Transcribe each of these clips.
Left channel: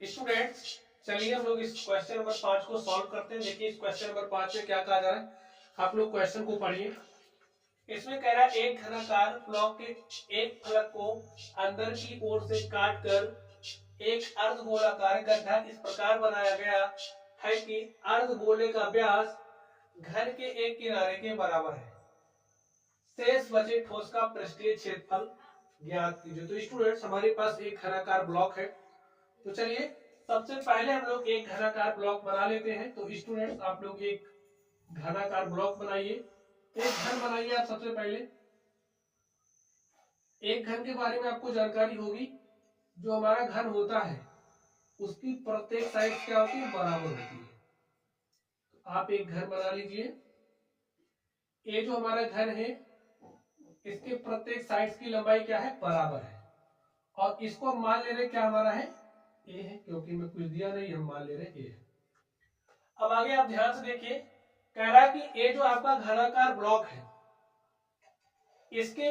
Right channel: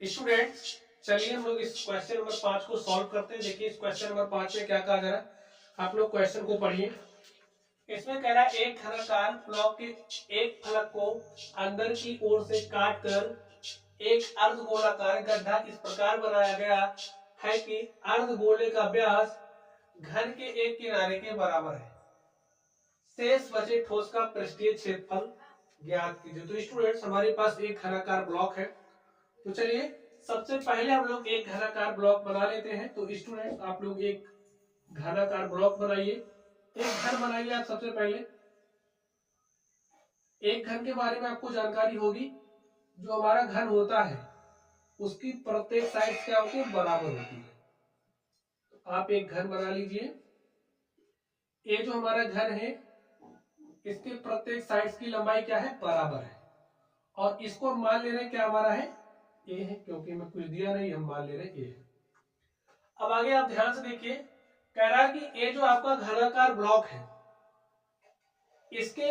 Students, चलिए हम लोग इस क्वेश्चन नंबर 5 को सॉल्व करते हैं। देखिए इस क्वेश्चन नंबर 5 में क्या कहा जा रहा है, आप लोग क्वेश्चन को पढ़िए। इसमें कह रहा है एक घनाकार ब्लॉक के एक फलक को अंदर की ओर से काटकर एक अर्धगोलाकार गड्ढा इस प्रकार बनाया गया है कि अर्धगोले का व्यास घन के एक किनारे के बराबर है। शेष बचे ठोस का पृष्ठीय क्षेत्रफल ज्ञात कीजिए। तो स्टूडेंट्स, हमारे पास एक घनाकार ब्लॉक है। तो चलिए सबसे पहले हम लोग एक घनाकार ब्लॉक बना लेते हैं। तो स्टूडेंट्स, आप लोग एक घनाकार ब्लॉक बनाइए, एक घन बनाइए। आप सबसे पहले एक घन के बारे में आपको जानकारी होगी। जो हमारा घन होता है उसकी प्रत्येक साइड क्या होती है, बराबर होती है। तो आप एक घन बना लीजिए। ये जो हमारा घन है इसके प्रत्येक साइड्स की लंबाई क्या है, बराबर है। और इसको हम मान ले रहे क्या हमारा है, ए है, क्योंकि मैं कुछ दिया नहीं, हम मान ले रहे ए है। अब आगे आप ध्यान से देखिए, कह रहा है कि ये जो आपका घनाकार ब्लॉक है इसके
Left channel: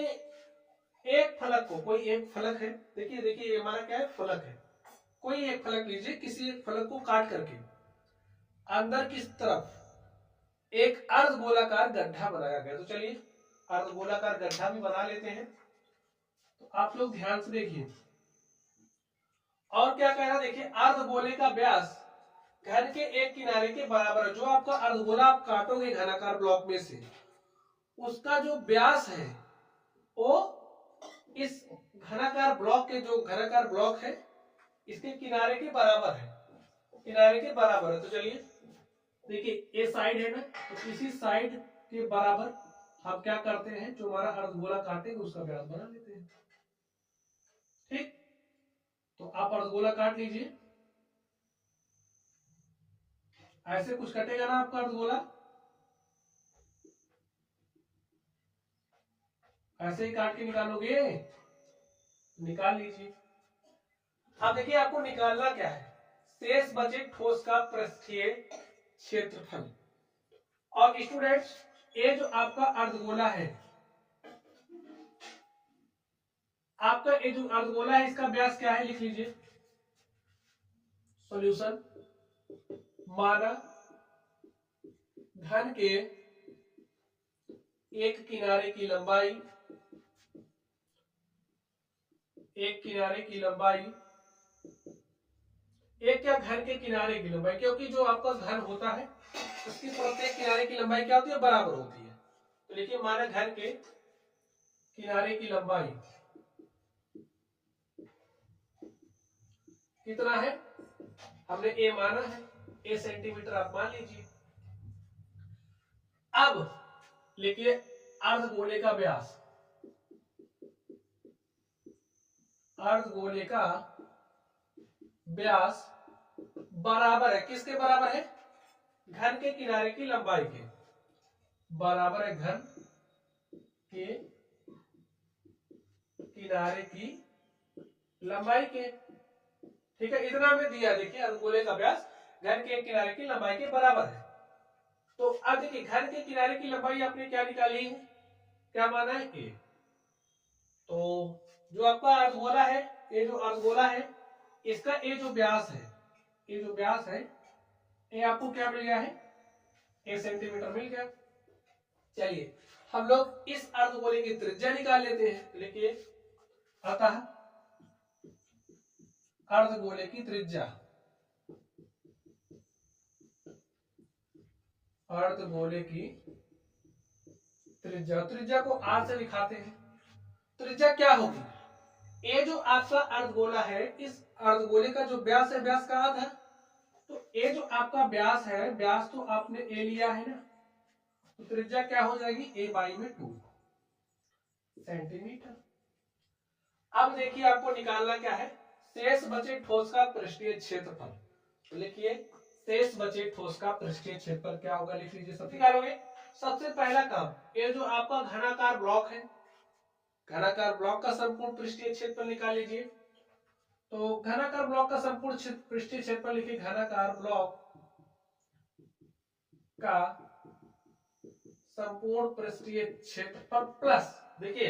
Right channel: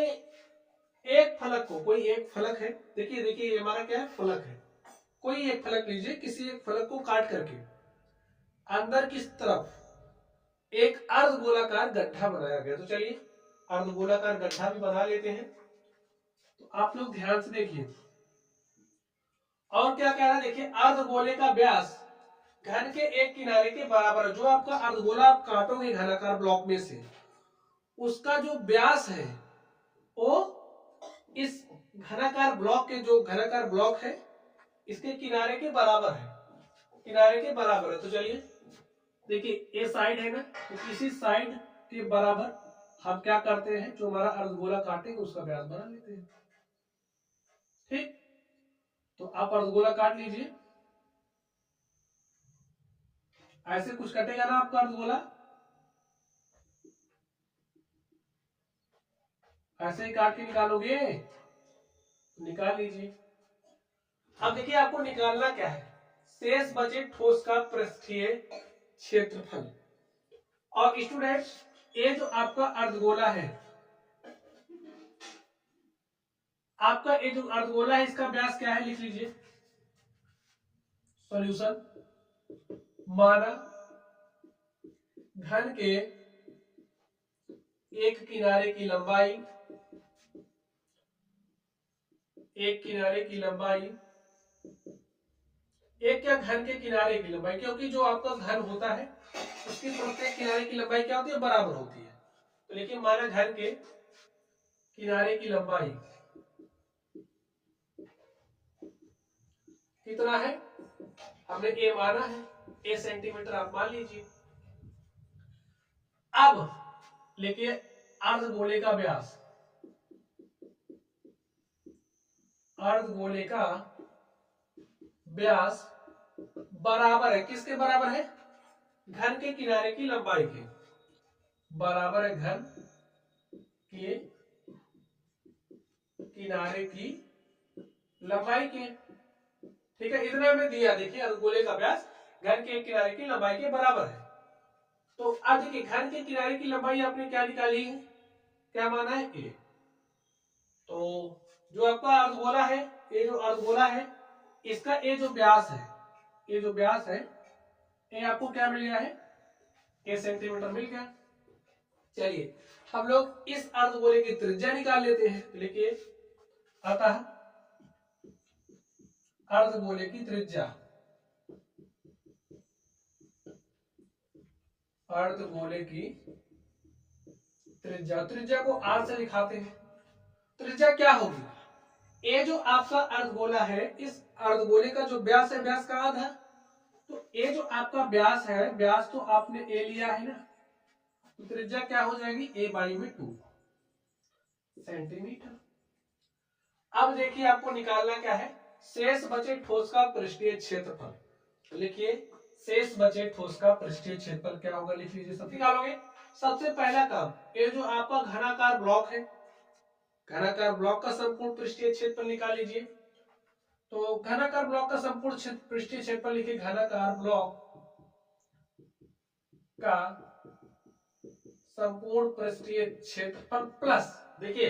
एक फलक को, कोई एक फलक है, देखिए देखिए ये हमारा क्या है, फलक है। कोई एक फलक लीजिए, किसी एक फलक को काट करके अंदर की तरफ एक अर्धगोलाकार गड्ढा बनाया गया। तो चलिए अर्धगोलाकार गड्ढा भी बना लेते हैं। तो आप लोग ध्यान से देखिए, और क्या कह रहा है, देखिए अर्धगोले का व्यास घन के एक किनारे के बराबर है। जो आपका अर्धगोला आप काटोगे घनाकार ब्लॉक में से, उसका जो व्यास है वो इस घनाकार ब्लॉक के, जो घनाकार ब्लॉक है इसके किनारे के बराबर है, किनारे के बराबर है। तो चलिए देखिए ये साइड है ना, तो इसी साइड के बराबर हम क्या करते हैं, जो हमारा अर्धगोला काटेंगे उसका व्यास बना लेते हैं। ठीक, तो आप अर्धगोला काट लीजिए। ऐसे कुछ कटेगा ना आपका अर्धगोला, ऐसे ही काट के निकालोगे, निकाल लीजिए। अब देखिए आपको निकालना क्या है, शेष बचे ठोस का पृष्ठीय क्षेत्रफल। और स्टूडेंट्स, ये जो आपका अर्धगोला है, आपका ये जो अर्धगोला है इसका व्यास क्या है, लिख लीजिए। सॉल्यूशन, माना घन के एक किनारे की लंबाई, एक किनारे की लंबाई, एक क्या, घन के किनारे की लंबाई, क्योंकि जो आपका घन होता है उसकी प्रत्येक किनारे की लंबाई क्या होती है, बराबर होती है। तो लिखिए माना घन के किनारे की लंबाई कितना है, हमने ए माना है, ए सेंटीमीटर आप मान लीजिए। अब लिखिए अर्धगोले का व्यास, अर्धगोले का व्यास बराबर है, किसके बराबर है, घन के किनारे की लंबाई के बराबर है, घन के किनारे की लंबाई के। ठीक है, इतना में दिया, देखिए अर्धगोले का व्यास घन के एक किनारे की लंबाई के बराबर है। तो अब देखिए घन के किनारे की लंबाई आपने क्या निकाली है, क्या माना है, ए। तो जो आपका अर्धगोला है, ये जो अर्धगोला है इसका ये जो व्यास है, ये जो व्यास है ये आपको क्या मिल गया है, ए सेंटीमीटर मिल गया। चलिए हम लोग इस अर्धगोले की त्रिज्या निकाल लेते हैं। लिखिए अतः अर्धगोले की त्रिज्या, अर्धगोले की त्रिज्या, त्रिज्या को आर से दिखाते हैं। त्रिज्या क्या होगी, ये जो आपका अर्धगोला है, इस अर्धगोले का जो व्यास है, व्यास का आधा, तो ये जो आपका व्यास है, व्यास तो आपने ए लिया है ना, तो त्रिज्या क्या हो जाएगी, ए बाई में 2 सेंटीमीटर। अब देखिए आपको निकालना क्या है, शेष बचे ठोस का पृष्ठीय क्षेत्रफल। लिखिए शेष बचे ठोस का पृष्ठीय क्षेत्रफल क्या होगा, लिख लीजिए, सब निकालोगे। सबसे पहला काम, ये जो आपका घनाकार ब्लॉक है, घनाकार ब्लॉक का संपूर्ण पृष्ठीय क्षेत्रफल निकाल लीजिए। तो घनाकार ब्लॉक का संपूर्ण पृष्ठीय क्षेत्रफल लिखिए, घनाकार ब्लॉक का संपूर्ण पृष्ठीय क्षेत्रफल प्लस, देखिए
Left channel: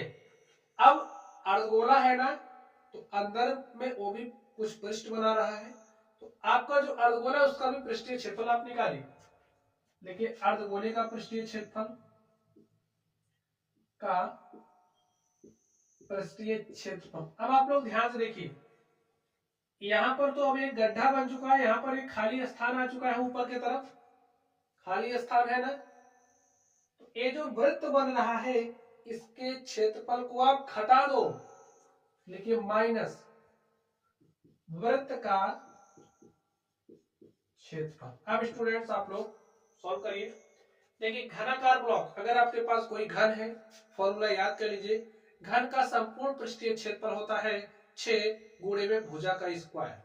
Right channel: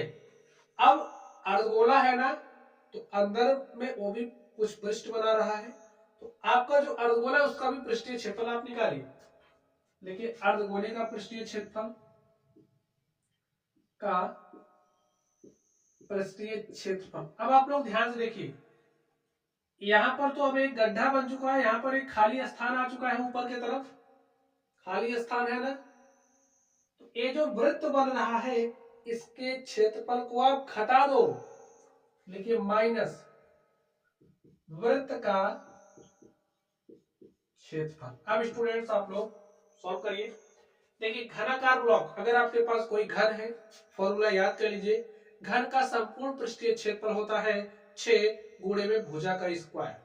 अब अर्धगोला है ना, तो अंदर में वो भी कुछ पृष्ठ बना रहा है, तो आपका जो अर्धगोला है उसका भी पृष्ठीय क्षेत्रफल आप निकालिए। देखिए अर्धगोले का पृष्ठीय क्षेत्रफल अब आप लोग ध्यान से देखिए, यहां पर तो अब एक गड्ढा बन चुका है, यहां पर एक खाली स्थान आ चुका है, ऊपर की तरफ खाली स्थान है ना। तो ये जो वृत्त बन रहा है इसके क्षेत्रफल को आप घटा दो, लिखिए माइनस वृत्त का क्षेत्रफल। अब स्टूडेंट्स आप लोग सॉल्व करिए। देखिए घनाकार ब्लॉक, अगर आपके पास कोई घन है, फॉर्मूला याद कर लीजिए, घन का संपूर्ण पृष्ठीय क्षेत्रफल होता है 6 गुणे में भुजा का स्क्वायर।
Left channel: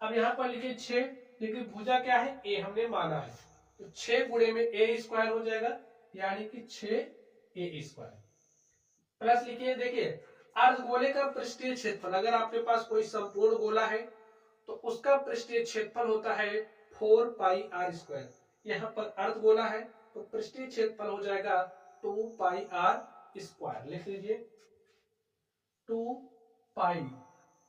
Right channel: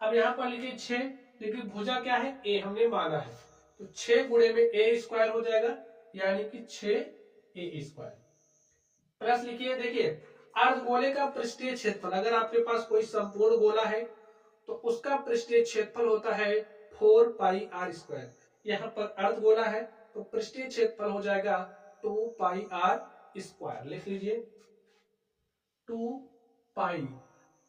अब यहां पर लिखिए 6, लेकिन भुजा क्या है, ए हमने माना है, तो 6 गुणे में ए स्क्वायर हो जाएगा, यानी कि 6a स्क्वायर। प्लस लिखिए, देखिए अर्धगोले का पृष्ठीय क्षेत्रफल, अगर आपके पास कोई संपूर्ण गोला है तो उसका पृष्ठीय क्षेत्रफल होता है 4 पाई आर स्क्वायर। यहाँ पर अर्धगोला है तो पृष्ठीय क्षेत्रफल हो जाएगा 2 पाई आर स्क्वायर। लिख लीजिए 2 पाई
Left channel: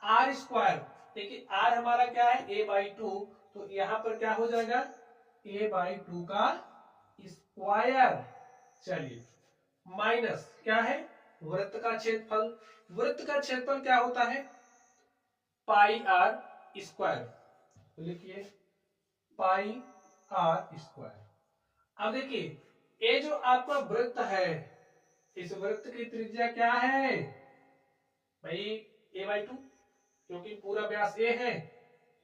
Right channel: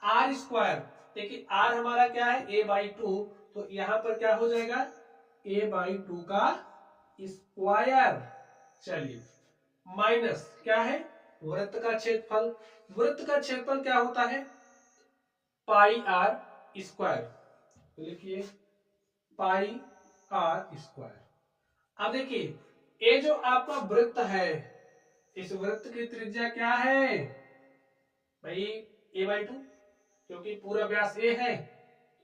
आर स्क्वायर। देखिए आर हमारा क्या है, a बाई 2, तो यहां पर क्या हो जाएगा a बाई 2 का स्क्वायर। चलिए माइनस क्या है, वृत्त का क्षेत्रफल। वृत्त का क्षेत्रफल क्या होता है, पाई आर स्क्वायर, तो लिखिए पाई आर स्क्वायर। अब देखिए ये जो आपका वृत्त है, इस वृत्त की त्रिज्या क्या है भाई, a बाई 2, क्योंकि पूरा व्यास a है,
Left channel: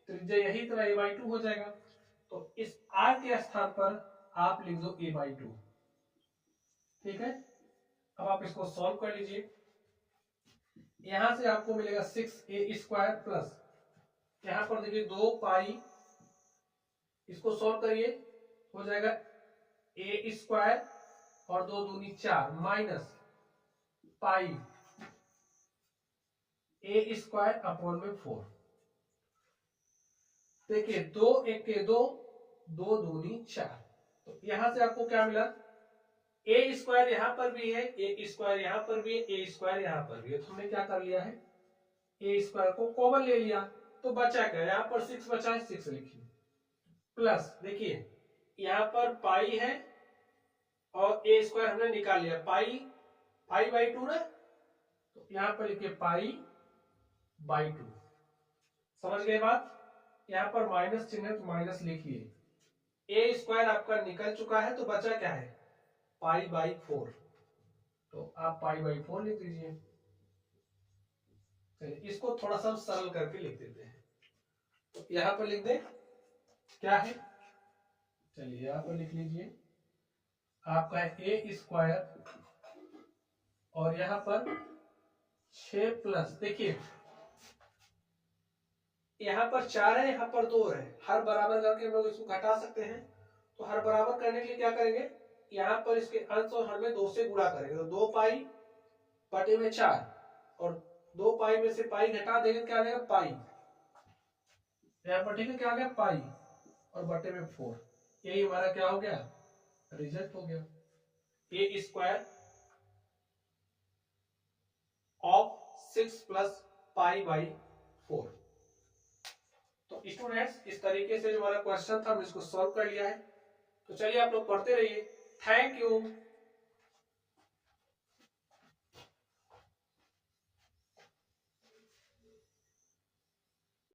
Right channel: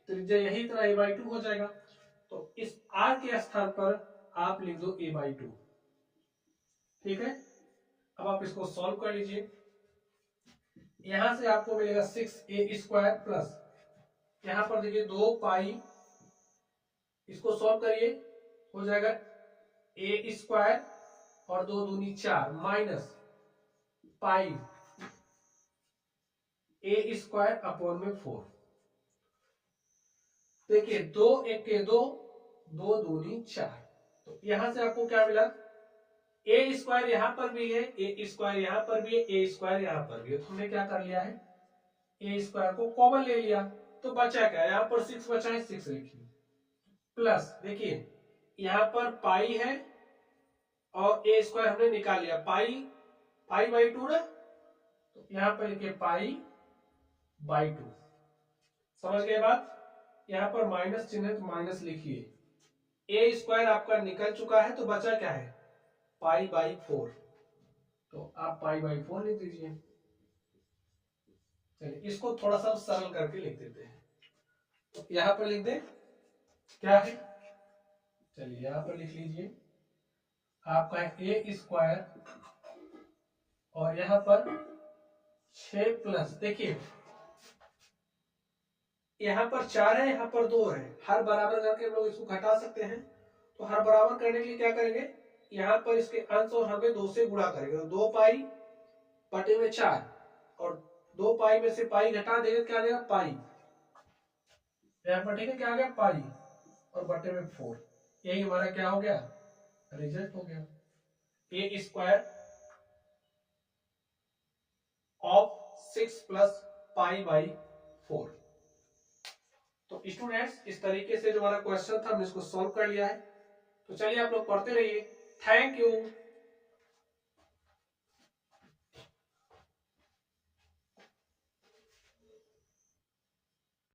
त्रिज्या यही तरह a बाई 2 हो जाएगा। तो इस r के स्थान पर आप लिख दो a बाई 2। ठीक है, अब आप इसको सॉल्व कर लीजिए। यहां से आपको मिलेगा 6a स्क्वायर प्लस, यहां पर देखिए 2 पाई, इसको सॉल्व करिए, हो जाएगा a स्क्वायर और 2 दूनी 4 minus pi a square upon में 4। देखिए 2 एक के 2, 2 दूनी 4, तो यहां से आपको क्या मिला, a स्क्वायर यहां पर भी है, a स्क्वायर यहां पर भी है, a स्क्वायर यहां पर भी है, तो हमने क्या कर लिया है, a स्क्वायर को कॉमन ले लिया, तो बचा क्या, यहां पर 6 बचा है, 6 लिखिए प्लस, देखिए यहां पर पाई है और a स्क्वायर हमने निकाल लिया, पाई बाई 2 ना, तो यहां पर लिखिए पाई बाई 2। समझ गए बात, यहां पर माइनस चिन्ह है तो माइनस लिखिए, a स्क्वायर आपका निकल चुका है, तो बचा क्या है, पाई बाई 4, तो आप पाई बाई 4 लिख दीजिए। चलिए इसको थोड़ा सा सरल करके लिख देते हैं, तो यहां पर लिख दे क्या है, चलिए यहां पर लिख लीजिए आपका है a स्क्वायर और यहां पर 6 प्लस, देखिए यहां पर 4 है, यहां पर 2 है, हर बराबर करके हम लोग इसको घटा सकते हैं। तो हर बराबर करने के लिए क्या करेंगे, यहां पर इसके अंश और हर में 2 से गुणा करेंगे, तो 2 पाई बटे में 4, और 2 पाई में से पाई घटा देंगे, क्या आ जाएगा पाई, यहां पर ठीक है क्या आ गया पाई, और बटे में 4, यही हमारा क्या हो गया, रिजल्ट हो गया, a square of 6 plus pi by 4। तो स्टूडेंट्स इस तरीके से जो हमारा क्वेश्चन था हमने इसको सॉल्व कर लिया है। तो चलिए आप लोग पढ़ते रहिए। Thank you.